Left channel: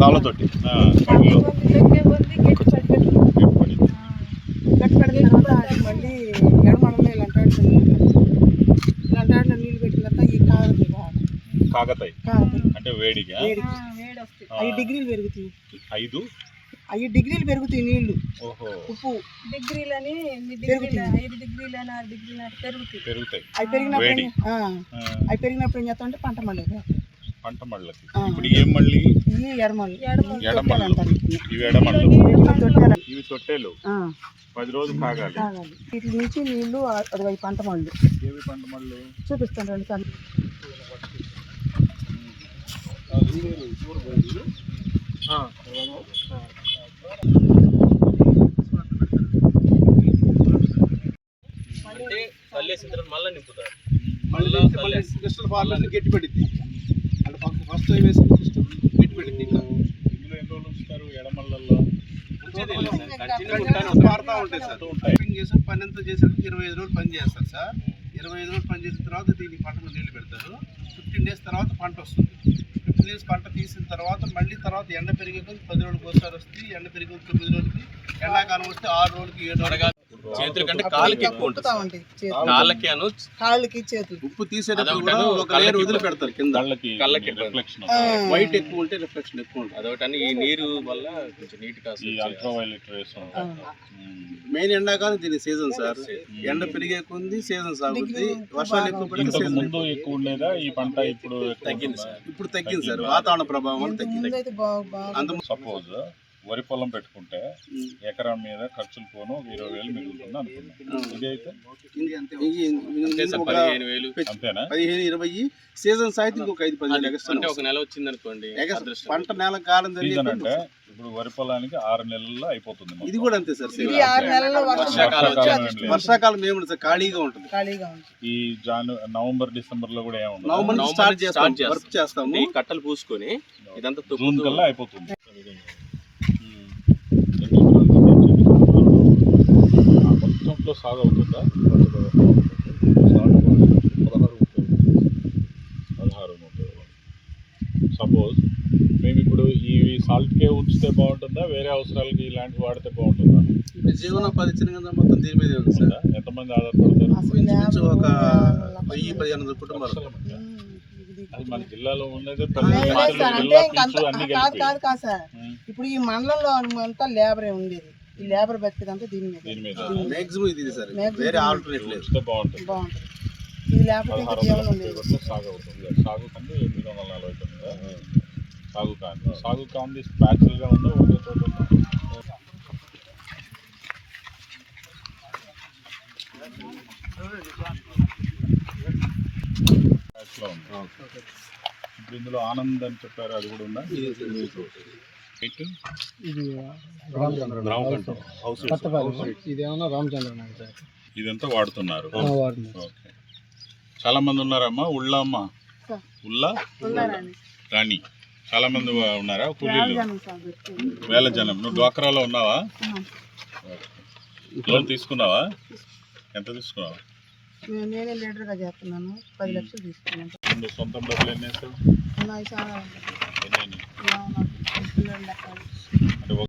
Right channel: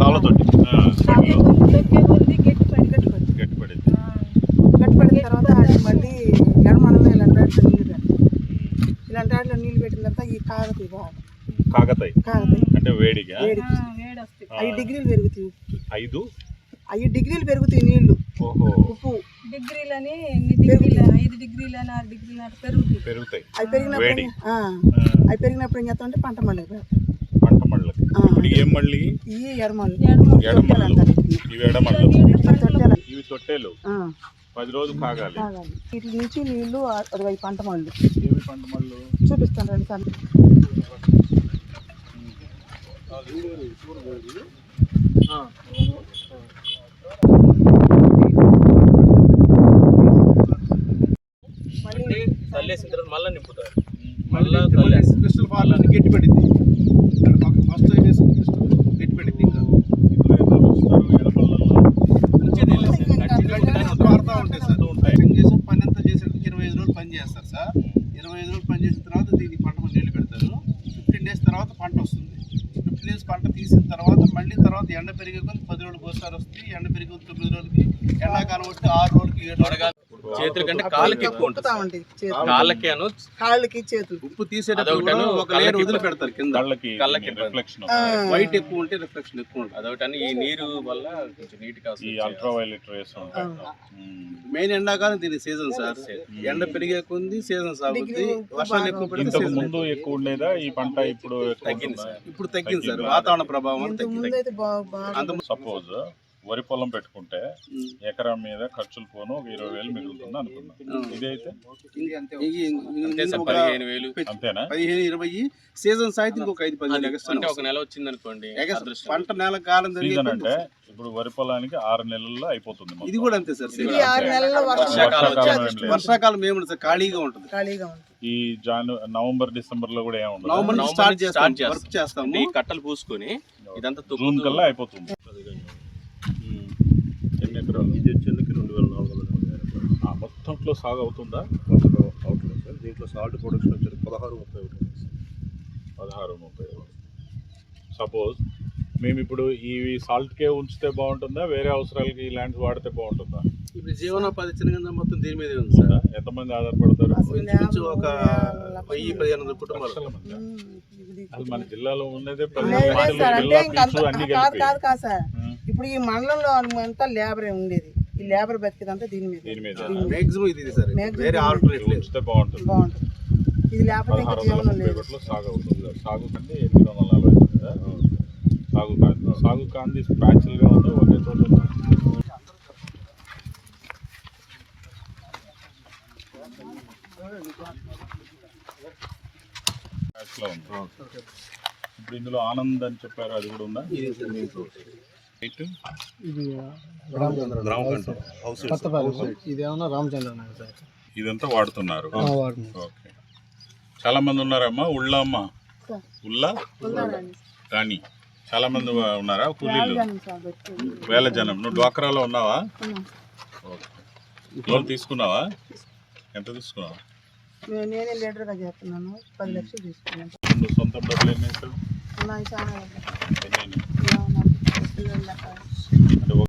తాళ్ళతోటి గట్టి పడిన తర్వాత అది మళ్ళీ ఎడమనలో ఇలాంటి వాటిలో నీళ్ళు పెట్టాలి. ఇలాంటి వాటిలో నీళ్ళు పెట్టిన తర్వాత ఈ కాగతాయి అంటే వేడిగా 5 డిగ్రీలు పెరుగుతాయి. 5 డిగ్రీలు పెరుగుతాయి నీళ్లు. ఉప్పు డిగ్రీలని 5 డిగ్రీలని 6 డిగ్రీలని పెరుగుతాయి. అవి పెరిగినప్పుడు ఏం చేస్తాం అంటే పంట మళ్ళీ ఇప్పుడు ఏం మళ్ళీ ఇవి ఎడమళ్ళు ఇవి తొట్టెలు 10 రోజులు కాగాలి. వీటి నుంచి నీళ్లు 60 పంట మళ్ళు. ఏమి పంట మళ్ళు చూపిస్తాను రండి సార్. అంటే తల్లేసిన తర్వాత మళ్ళీ నింపుతారు. క్రిస్టల్ ఫార్లని గట్టి పడింది. ఫస్ట్ వేసిన క్రిస్టల్ గట్టి పడింది. వాడుతూ ఉంటాయి సార్. పని ఎంత చేసారు 25 రోజులు పని చేస్తారు సార్. 25 రోజులు పని చేసిన తర్వాత దీనికి పంట నీళ్ళు పెడతారు. 15 డేస్ తర్వాత పంట వస్తుంది. 15 డేస్ పంట తీసిన తర్వాత మళ్ళీ తర్వాత ఎండ పెరిగే కొద్ది 10 రోజులకు ఒకసారి వస్తుంది. ఎండ పెరిగే 9 రోజులకి, ఎండాకాలం వస్తే 6 రోజులకి 7 రోజులు. చేతుల కంటే కాళ్ళకి ఎక్కువ ఉంటుంది. కాళ్ళకి చేతులు ఉప్పు తీసేటప్పుడు ఒక లేయర్ వదిలి పెడతారు కింద. కళ్ళకి రిఫ్లెక్షన్ వైట్ ఎక్కువ ఉంటే రిఫ్లెక్షన్ ఎక్కువ ఉంటుంది. అదొకటి ఈ నీరు వల్ల కొంచెం నీట్ గా అల్ట్రావైలెట్ రేస్ మెయిన్ ఎండాకాలం దీని సీజన్ సార్. ఎండ పెరిగే కొంది సీజన్ సాగుతుంది. వర్షాలు ఎక్కువ ఇంతకు ముందు ఎక్కువ ఉండేదా ఈ పంట? ఇప్పుడు తగ్గింది సార్. ఇప్పుడు తగ్గింది సార్. వాతావరణ ప్రభావం తగ్గింది. సపోజ్ వరి పొలం పెట్టుకుంటే ఎకరం మీద ఖర్చులు పోను 20,000 మిగులుతుంది అనుకున్నాం. ఇదైతే అంతేనా? 15-20 సీజన్ సాయితే ఇంకొక 5-10 అంటే ఒక నెల వచ్చింది అనుకోండి. పంట నెల కాలం సీజన్ అంటే ఇప్పుడు వరి పొలానికి 6 నెలల్లో అయిపోతుంది. ఇది కూడా అంతే సార్. వర్షాకాలం ఏముంది సార్, ఖాళీగా ఉంటుంది. ఈ నవంబర్ డిసెంబర్ లో కూడా ఏముంది. నవంబర్ స్టార్ట్ చేస్తాము. ఈ కట్టలు పూసుకొని ఇదంతా జూన్ కల్లా అయిపోతుంది. మొత్తంలో సాగు అవుతుందా? దీంట్లో సాగు కూడా 16-30. సపోజ్ మేము ఇప్పుడు ఈ సాల్ట్కే ఉంచితే బాగుంటుందా, వేరే అవసరాలకి ఈ ల్యాండ్స్ వాడితే బాగుంటుందా? ఇప్పుడు జీవనోపాధి చిన్న మొత్తం దీని మీద ఉంది సార్. ఎంతమంది ఆధారపడతారు? ఒక 1000-1500 కుటుంబాలు. అది మన జిల్లాలో ఉన్నదే ఇప్పుడు ఈ మండలంలో అంతా లేబరే ఉండేది. ఈ లేబర్ బతికేదంతా దీని మీద మాక్సిమం ఇది సార్. వేరే ఆల్టర్నేట్ లేదు. బాగుంటుంది. ఇది లేకపోతే సాగు అవుతుంది. సాగు కంటే 840 సాగు కాంది ప్యాచువల్ గా ఉందో ఒకే చోట ఉందా? ఇప్పుడు ఇందులో ఆనంద్ అని చెప్పారు, అది కూడా ఉందా? ఇదేమన్నా రామచంద్ర సార్. ఇదంతా వాడుతున్నారు. ఓకే. చాలా మంది ఉన్నారమ్మా. ఉళ్ళ రాణి చాలా మంది ఉన్నారా? కూలీలు వేల జనం. నువ్వు డ్వాక్రాలో ఉన్నావా? లోన్ తీసుకున్నావా? ఎంత తీసుకున్నావా? నేనే లీడర్గా చేస్తున్నాను. 10 లక్షలు తీసుకున్నాను. నువ్వు సొంతం డబ్బులు ఎన్ని వేసావు? చాలా